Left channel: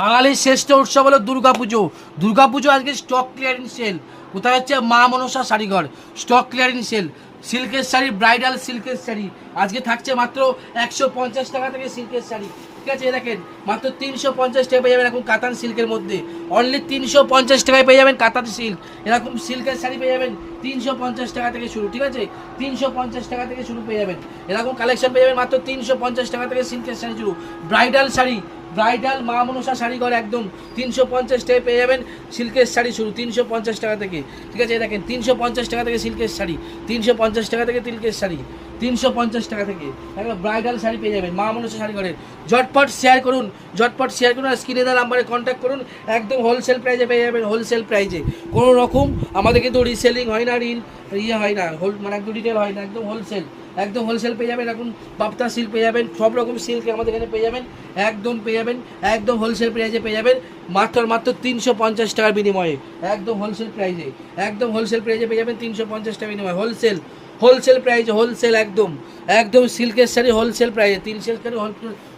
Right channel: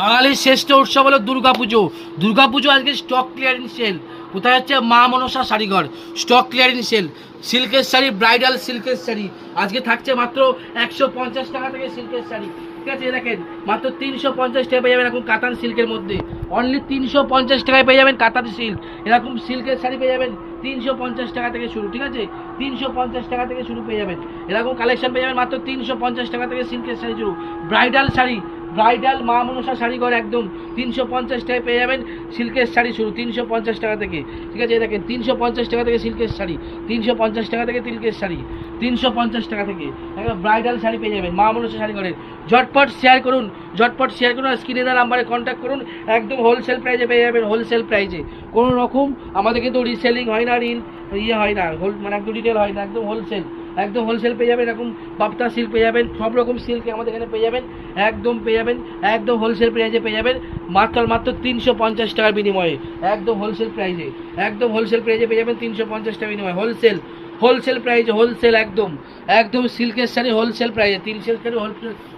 বাঙালির শ্রেষ্ঠ উৎসব হলো দুর্গাপুজো। দুর্গাপুজো আজকে স্টক ক্লিয়ারিং সেল। কোথায় হচ্ছে? মা মনসা শাড়িঘর স্টক ক্লিয়ারিং সেল। সিল্কের শাড়ি, ব্রাইডাল সিল্কের শাড়ি আজকে থাকছে মাত্র 150 টাকা থেকে সিল্কের শাড়ি। ঠিক আছে, দেখেন মাত্র 350 টাকা পেয়ে যাবেন এখন কাতান সিল্কের মধ্যে। অনলি 350 টাকায় পেয়ে যাবেন কাতান সিল্ক। এরকম সিল্কের শাড়ি পেয়ে যাবেন 350 টাকা থেকে শুরু। ঠিক আছে, 350 টাকা থেকে শুরু পেয়ে যাবেন। এরকম কালেকশন পেয়ে যাবেন মাত্র 350 টাকা থেকে সিল্কের শাড়ি শুরু। ব্রাইডাল শাড়ি, ব্রাইডাল মা মনসা শাড়িঘর একদম 350 টাকায় পেয়ে যাবেন সিল্কের শাড়ি শুরু 350 টাকা থেকে। ঠিক আছে, দেখেন 350 টাকা থেকে সিল্কের শাড়ি, 350 টাকা থেকে সিল্কের শাড়ি, 350 টাকা থেকে একবার ব্রাইডাল শাড়ি পেয়ে যাবেন মা মনসা শাড়িঘরের। ঝটপট শেয়ার করুন, ঝটপট শেয়ার করুন, আর স্ক্রিনে দেওয়া নাম্বারে কন্ট্যাক্ট করুন। একদম হোলসেল প্রাইসে পেয়ে যাবেন, হোলসেল প্রাইসে। কোনো রকম আমাদের কিন্তু রিসেলিং হয় না, ইয়ে হয় না, মানে একদম রিটেল হয় না, একদম হোলসেল। একদম হোলসেল পেয়ে যাবেন। এরকম বাপ্তা সিল্ক পেয়ে যাবেন, সব রকম সিল্ক আমাদের এখানে পেয়ে যাবেন। একদম পেয়ে যাবেন, একদম হোলসেল প্রাইসে পেয়ে যাবেন মাত্র 350 টাকার বিনিময়ে। একদম হোলসেল প্রাইসে, একদম হোলসেল প্রাইসে পেয়ে যাবেন 350 টাকার বিনিময়ে। হোলসেল, হোলসেল প্রাইসে, হোলসেল একদম একদম সিল্কের শাড়ি হোলসেল প্রাইসে, 300 শাড়ি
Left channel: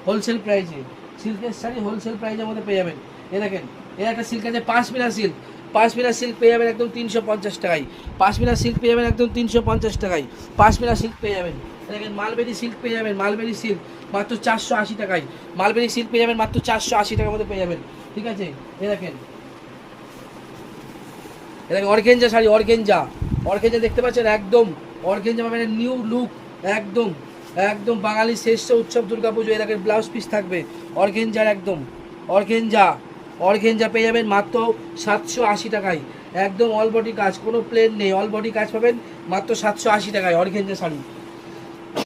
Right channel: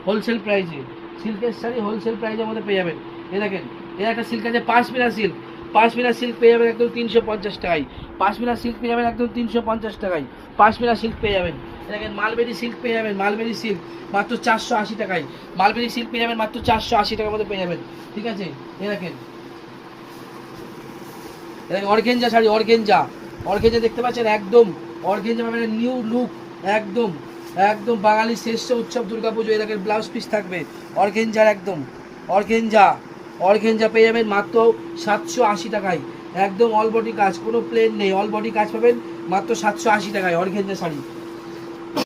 হোলসেল প্রাইসে, সিল্কের শাড়ি হোলসেল প্রাইসের মধ্যে পেয়ে যাবেন। এ দেখেন, এর একটা সিল্ক আছে পাশমিনা সিল্ক। পাশমিনা সিল্ক পেয়ে যাবেন একদম 350 টাকায়। পাশমিনা সিল্ক পেয়ে যাবেন একদম 350 টাকায়। পাশমিনা সিল্ক পেয়ে যাবেন। দেখেন মালবেরি সিল্ক পেয়ে যাবেন, মালবেরি সিল্ক মাত্র 480 টাকায়। মালবেরি সিল্ক পেয়ে যাবেন মাত্র 480 টাকার মধ্যে পেয়ে যাবেন। ঠিক আছে, এ দেখেন, দেখেন অর্গেঞ্জা শাড়ি, অর্গেঞ্জা, অর্গেঞ্জা দেখতে পাচ্ছেন একদম অর্গেঞ্জা মানে নিউ লুক। একদম একদম বাঙালির শ্রেষ্ঠ উৎসব দুর্গাপুজো। এ দেখেন ব্লাউজ পিস থাকবে অর্গেঞ্জার, একদম অর্গেঞ্জা, অর্গেঞ্জা পেয়ে যাবেন মাত্র 780 টাকায়। একদম অল বডি কাজ, কোনো প্লেন নেই, অল বডি কাজ পাবেন মাত্র 780 টাকায় অর্গেঞ্জা শাড়ি।